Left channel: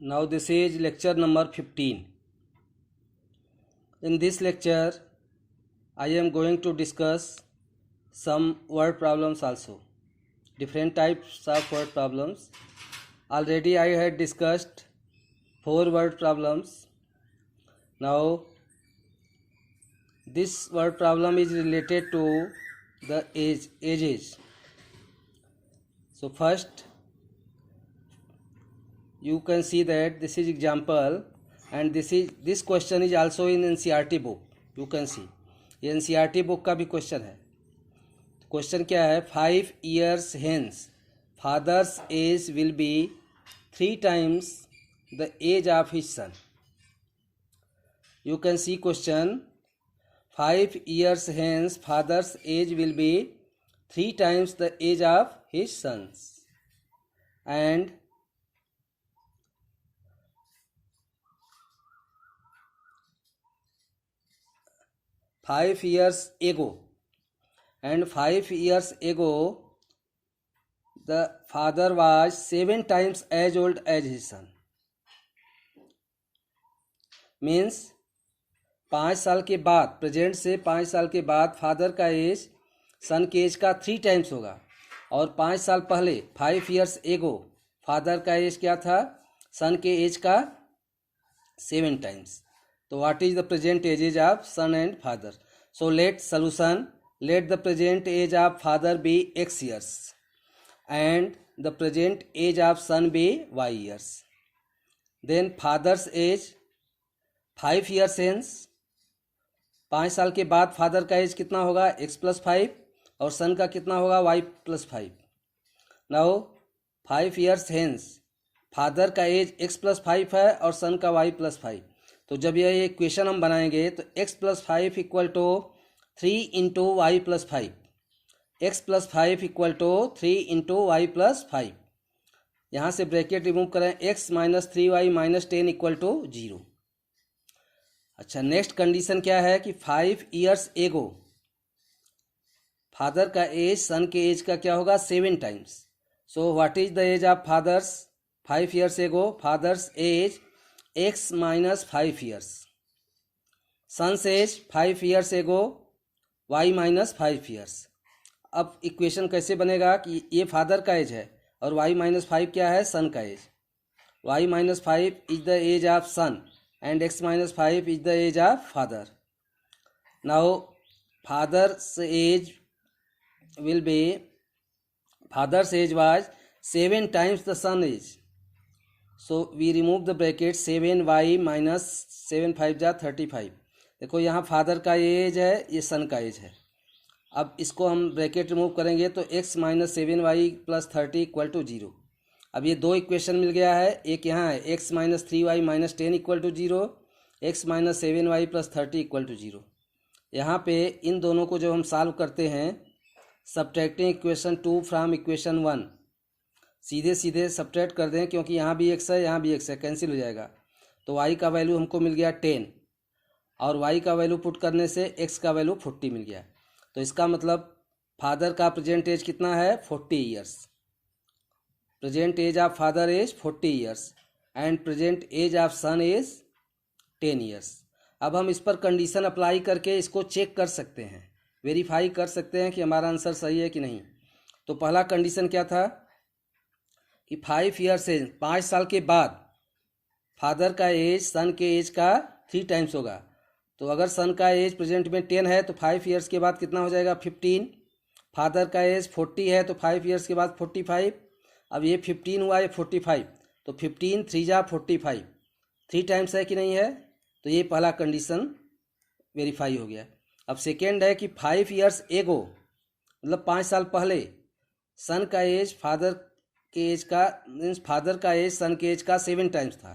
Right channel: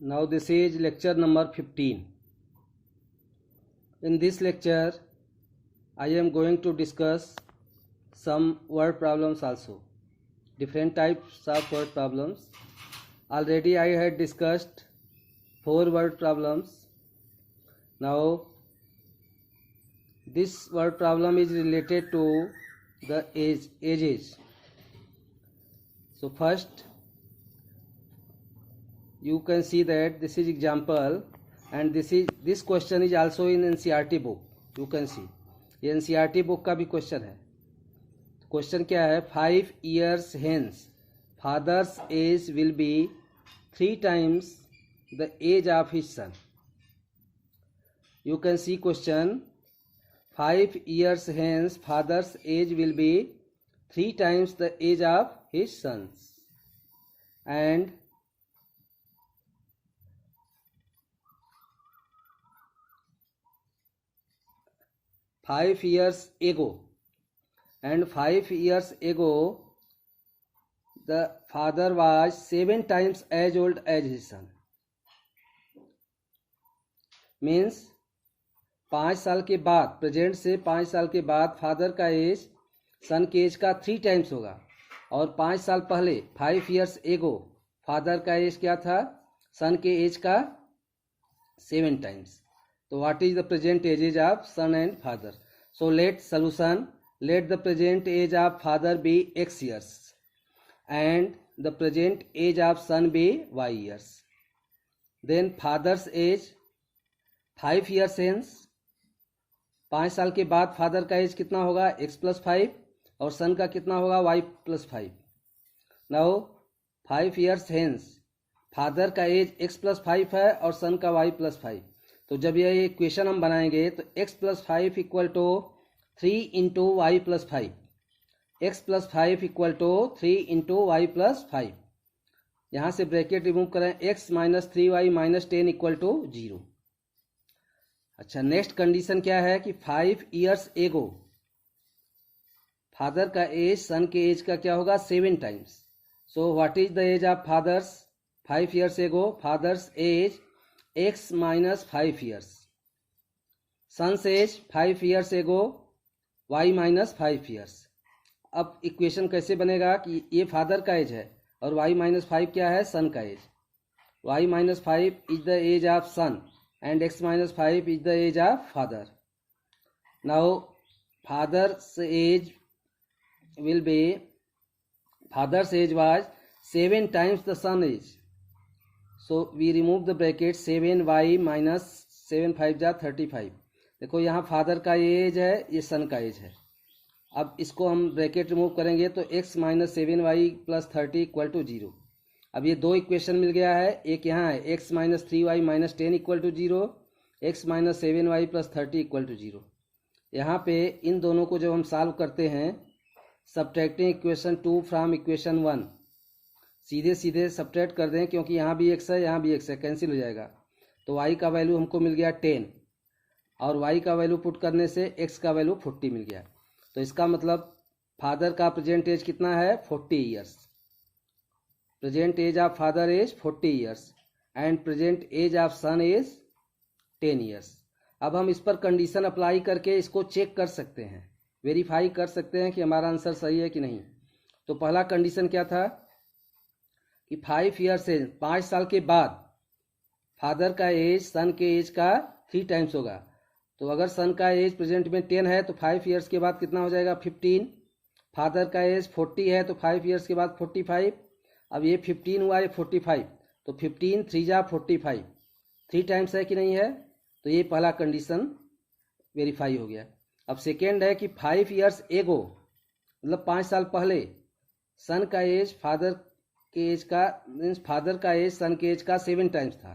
Now this is lecture number 15. In this lecture, I am going to discuss some word problems also. Different types of word problems. Already I had discussed 4 word problems. Now this word problem is related to the ages. So first you can see that this is example and this question is also in NCERT book. You can see ये NCERT book का भी question है. Question क्या है? 5 years hence father's age will be 3 times the age of his son. You can see question. 5 years hence father's age will be 3 times the age of his sons, and five years ago the father was 7 times as old as his son. Means 5 साल के बाद, present से 5 साल के बाद father का age son के age का 3 टाइम्स होगा. और 5 साल पहले 5 years ago फादर का एज क्या था? सन के एज का 7 टाइम्स. तो what is the present ages of son and father? So let solution. Let the present age of father be x years and the present age of son be y years. Then father's age 5 years hence, 5 साल के बाद father का as कितना होगा? x + 5 और सन का कितना होगा? y + 5. Now 5 years hence father का एज x + 5 है और सन का y + 5. तो जब ये इक्वेशन हम बनाएंगे तो x + 5 = 3 × y + 5. x + 5 = 3 × y + 5. यहाँ से ब्रैकेट रिमूव करें. x - 3y - 10 = 0. अच्छा, नेक्स्ट कंडीशन क्या है कि 5 years ago फादर का एज सन के एज का क्या होगा? 7 times. So what is the age of fathers? 5 years ago father's age x - 5 years. Son's age 5 years ago y - 5 years. अब इक्वेशन कैसे बनेगा कि ये फादर का एज है और y - 5 क्या है? सन का age. y - 5 is the age of son and x - 5 is the age of father. Now father's age was 7 times the son age. So we remove the bracket. 7y - 7 5 जा 35. देखो यहाँ father का as है, ये सन का as है. अब इसको हम ब्रैकेट रिमूव करेंगे तो x - 7y + 30 = 0. अब ये 2 इक्वेशन मिल गया है. एक यहाँ है x - 3y - 10 = 0, x - 7y + 30 = 0. यहाँ पे इन दोनों को जब हम सॉल्व करते हैं, सब्ट्रैक्टिंग इक्वेशन 2 फ्रॉम इक्वेशन 1, सीधे सब्ट्रैक्ट कर दें क्योंकि यहाँ भी x है, यहाँ भी x है, कैंसिल हो जाएगा. तो y का वैल्यू हमको मिल गया 10 और y का वैल्यू पुट करने से x का वैल्यू 40 मिल गया. तो इसका मतलब फादर का प्रेजेंट एज कितना है? 40 years. Present age of father is 40 years and present age of son is 10 years. अब हम इस पर कंडीशन अप्लाई करके इसको चेक कर सकते हैं, वेरीफाई कर सकते हैं कि हमारा आंसर सही है कि नहीं. तो पहला कंडीशन क्या था कि 5 years से 5 साल के बाद फादर का एज सन के एज का 3 टाइम्स होगा. तो अगर सन का एज प्रेजेंट में 10 है तो 5 years के बाद कितना हो जाएगा? 15. फादर का एज 40 है तो 5 years के बाद 45. अब ये 15 हुआ, ये 45. तो 15 3 जा 45, 3 टाइम्स है कि नहीं है? तो ये पहला कंडीशन वेरीफाई हो गया. अब सेकेंड है कि 5 years ago मतलब 5 साल पहले सन का एज फादर के एज का, मीन्स फादर का एज सन के एज का 7 टाइम्स था.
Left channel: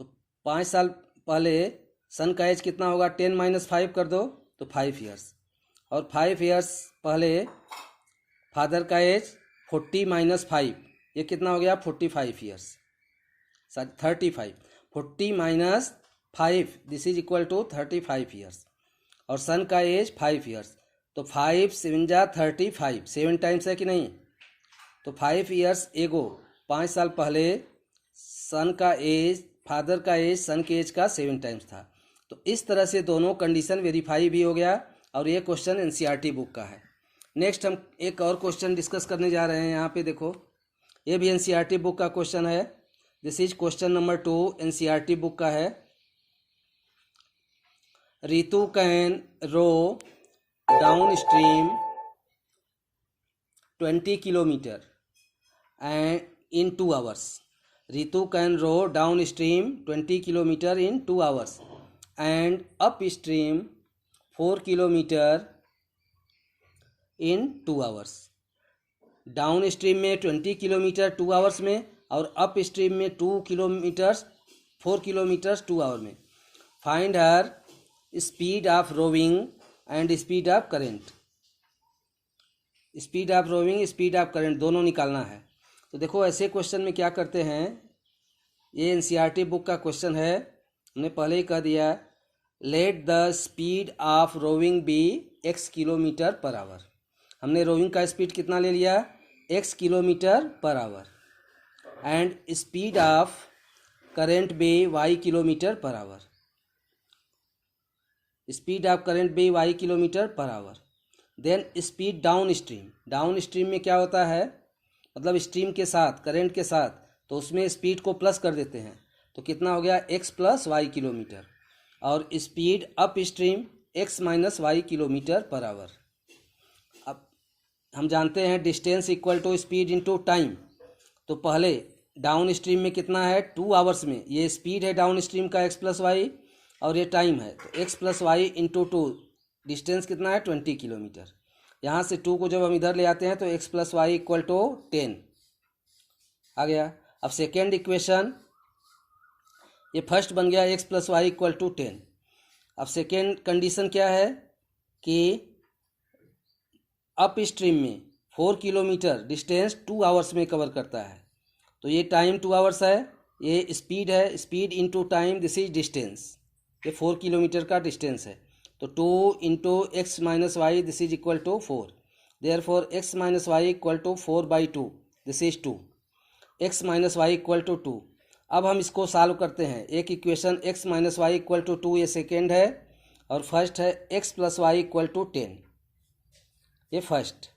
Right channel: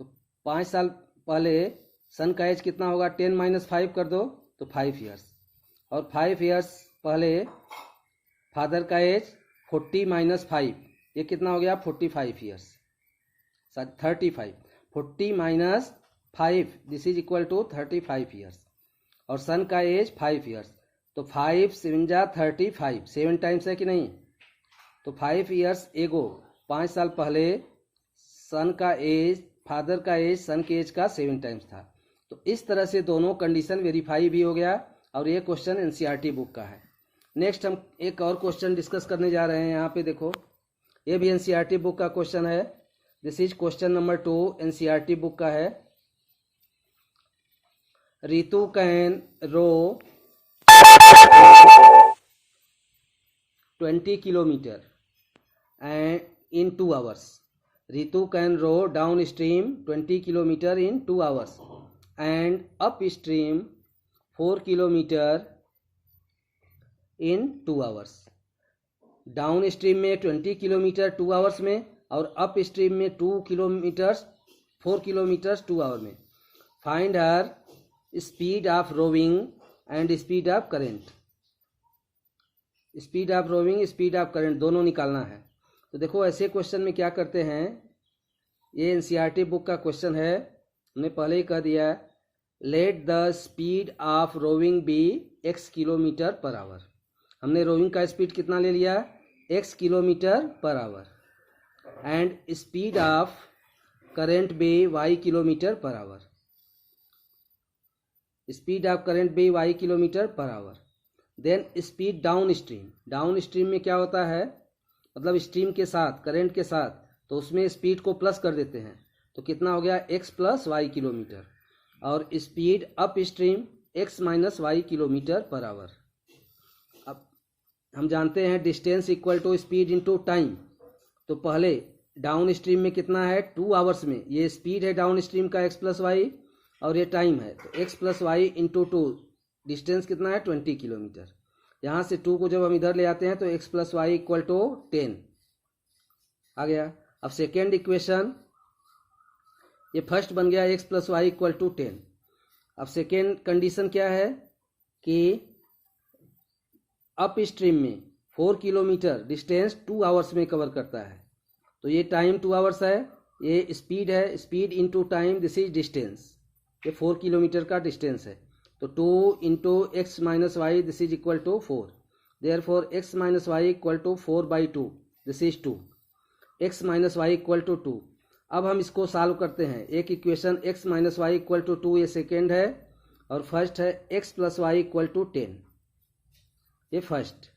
तो 5 साल पहले सन का एज कितना होगा? 10 - 5 कर दो तो 5 years. और 5 years पहले फादर का एज 40 - 5, ये कितना हो गया? 45 years. 35. 40 - 5 this is equal to 35 years. और सन का एज 5 years. तो 5 7 जा 35, 7 टाइम्स है कि नहीं? तो 5 years ago 5 साल पहले फादर का एज सन के एज का 7 टाइम्स था। तो इस तरह से दोनों कंडीशन वेरीफाई भी हो गया और ये क्वेश्चन एनसीईआरटी बुक का है। नेक्स्ट हम एक और क्वेश्चन डिस्कस करने जा रहे हैं। यहाँ पे देखो, ये भी एनसीईआरटी बुक का क्वेश्चन है। This is question number 2, NCERT book का है। Ritu can row 20 kilometre and in 2 hours. Ritu can row downstream 20 kilometer in 2 hours and upstream 4 kilometer in 2 hours. Downstream में 20 किलोमीटर 2 आवर्स में और अपस्ट्रीम में 4 kilometres 2 hour में। Find her speed of rowing and speed of current. Speed of rowing, speed of current दोनों निकालना है। तो देखो ऐसे क्वेश्चन में क्या करते हैं, ये एनसीईआरटी बुक का क्वेश्चन है, हमने पहले ही कह दिया है। Let the speed of rowing be x kilometre per hour. हमने रोविंग का स्पीड कितना ले लिया, x kilometre per hour. And speed of current be y kilometre per hour. Speed of current be y kilometre per hour. Then speed downstream में क्या होता है, मतलब स्ट्रीम के साथ, करंट के साथ, तो उसमें स्पीड को प्लस कर देते हैं, तो कितना हो गया x प्लस वाई किलोमीटर। और speed upstream x minus y kilometre per hour. अब हम जानते हैं distance equal to speed into time. तो पहले डाउन स्ट्रीम में कितना है, 2 आवर्स में, ये स्पीड है डाउन स्ट्रीम का x प्लस वाई और ये टाइम है, तो x plus y into 2, distance कितना है 20 किलोमीटर। यहाँ से 2 को जब हम इधर ले आते हैं तो x plus y equal to 10 आ गया। अब सेकेंड इक्वेशन, ये फर्स्ट बन गया x plus y equal to 10। अब सेकेंड कंडीशन क्या है कि अप स्ट्रीम में 4 किलोमीटर डिस्टेंस 2 आवर्स में कवर करता है, तो ये टाइम 2 आवर्स है, ये स्पीड है, speed into time, this is distance, ये 4 किलोमीटर का डिस्टेंस है। तो 2 into x minus y, this is equal to 4। Therefore x minus y equal to 4/2, this is 2। X minus y equal to 2। अब हम इसको सॉल्व करते हैं। एक equation x minus y equal to 2, ये सेकेंड है, और फर्स्ट है x plus y equal to 10, ये फर्स्ट।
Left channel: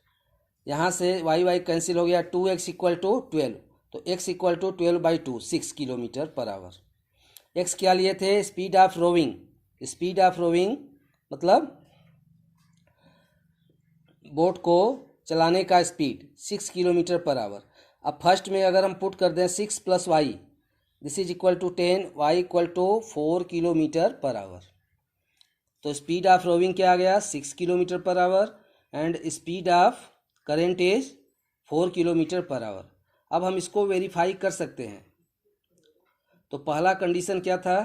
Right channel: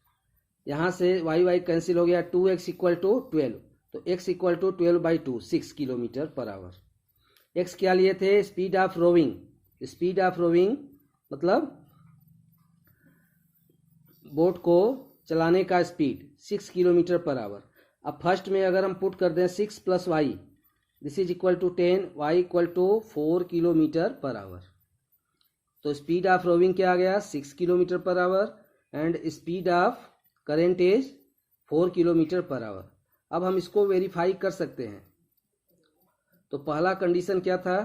यहाँ से वाई कैंसिल हो गया, 2x इक्वल टू 12, तो x equal to 12/2, 6 kilometre per hour. x क्या लिए थे, speed of rowing. Speed of rowing मतलब बोट को चलाने का स्पीड 6 किलोमीटर पर आवर। अब फर्स्ट में अगर हम पुट कर दें 6 plus y, this is equal to 10, y equal to 4 kilometre per hour. तो स्पीड ऑफ रोविंग क्या आ गया, 6 kilometre per hour, and speed of current is 4 kilometre per hour. अब हम इसको वेरीफाई कर सकते हैं। तो पहला कंडीशन क्या था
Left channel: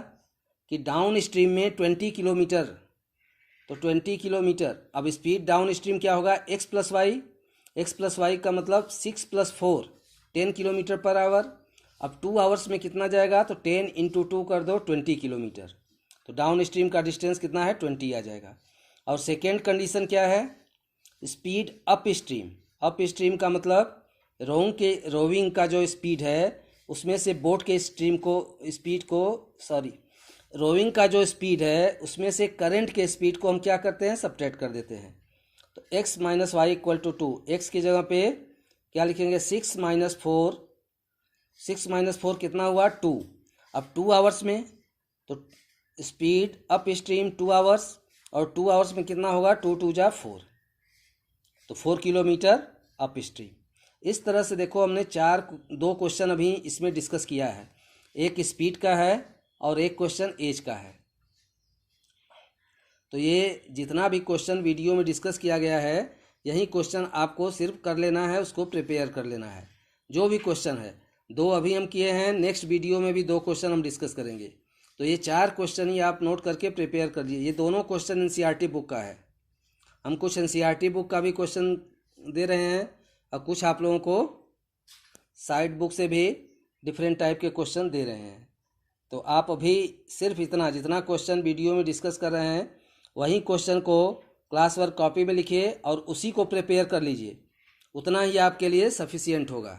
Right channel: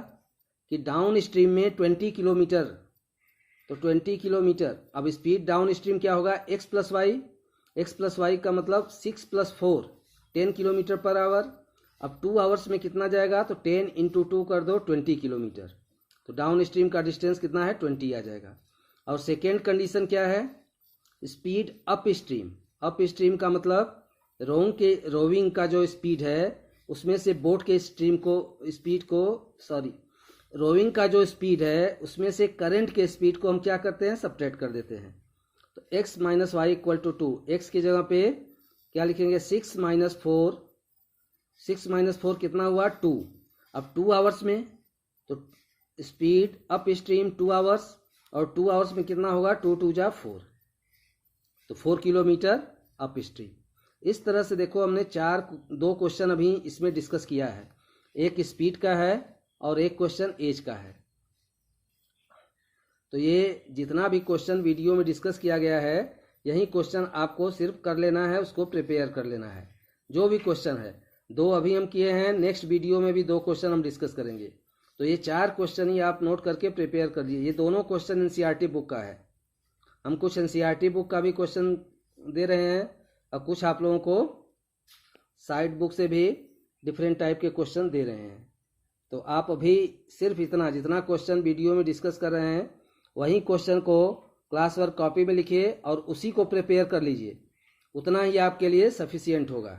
कि डाउन स्ट्रीम में 20 किलोमीटर, तो 20 किलोमीटर। अब स्पीड डाउन स्ट्रीम क्या होगा, x plus y. X plus y का मतलब 6 प्लस 4, 10 किलोमीटर पर आवर। अब 2 आवर्स में कितना जाएगा, तो 10 इंटू 2 कर दो, 20 किलोमीटर। तो डाउन स्ट्रीम का डिस्टेंस कितना है, 20 आ जाएगा। और सेकेंड कंडीशन क्या है, speed up stream. Up stream का मतलब रोविंग का जो स्पीड है उसमें से बोट के रोविंग का जो स्पीड है उसमें से करंट के स्पीड को हम क्या करते हैं, सब्ट्रैक्ट कर देते हैं। तो x minus y equal to 2, x की जगह पे क्या लिखेंगे, 6 माइनस 4, 6 माइनस 4 कितना हुआ, 2। अब 2 आवर्स में तो स्पीड अप स्ट्रीम 2 आवर्स, और 2 आवर्स में कितना होगा, 2 2 जा 4, तो 4 किलोमीटर अप स्ट्रीम। इस तरह से देखो हमने 2 क्वेश्चन अभी इसमें डिस्कस किया है। एक स्पीड का है और एक क्वेश्चन एज का है। तो ये जितना भी क्वेश्चन वीडियो में डिस्कस किया गया है, यही क्वेश्चन आपको सिर्फ कर लेना है, उसको प्रिपेयर कर लेना है। जो भी क्वेश्चन है, 2 अभी हम किए हैं, नेक्स्ट वीडियो में भी 2 क्वेश्चन हम डिस्कस करेंगे। तो ये 4 क्वेश्चन ही आप नोट करके प्रिपेयर कर लीजिए। ये दोनों क्वेश्चन एनसीईआरटी बुक का है। हम कुछ एनसीईआरटी बुक का भी क्वेश्चन दे रहे हैं और कुछ आप लोगों को साइड बुक से भी डिफरेंट टाइप के क्वेश्चन दे रहे हैं। तो आप अभी सिर्फ जितना क्वेश्चन वीडियो में डिस्कस कर रहे हैं, वही क्वेश्चन को क्लास वर्क कॉपी में लिखिए और उसी को प्रिपेयर कर लीजिए। उतना ही आपके लिए सफिशिएंट होगा।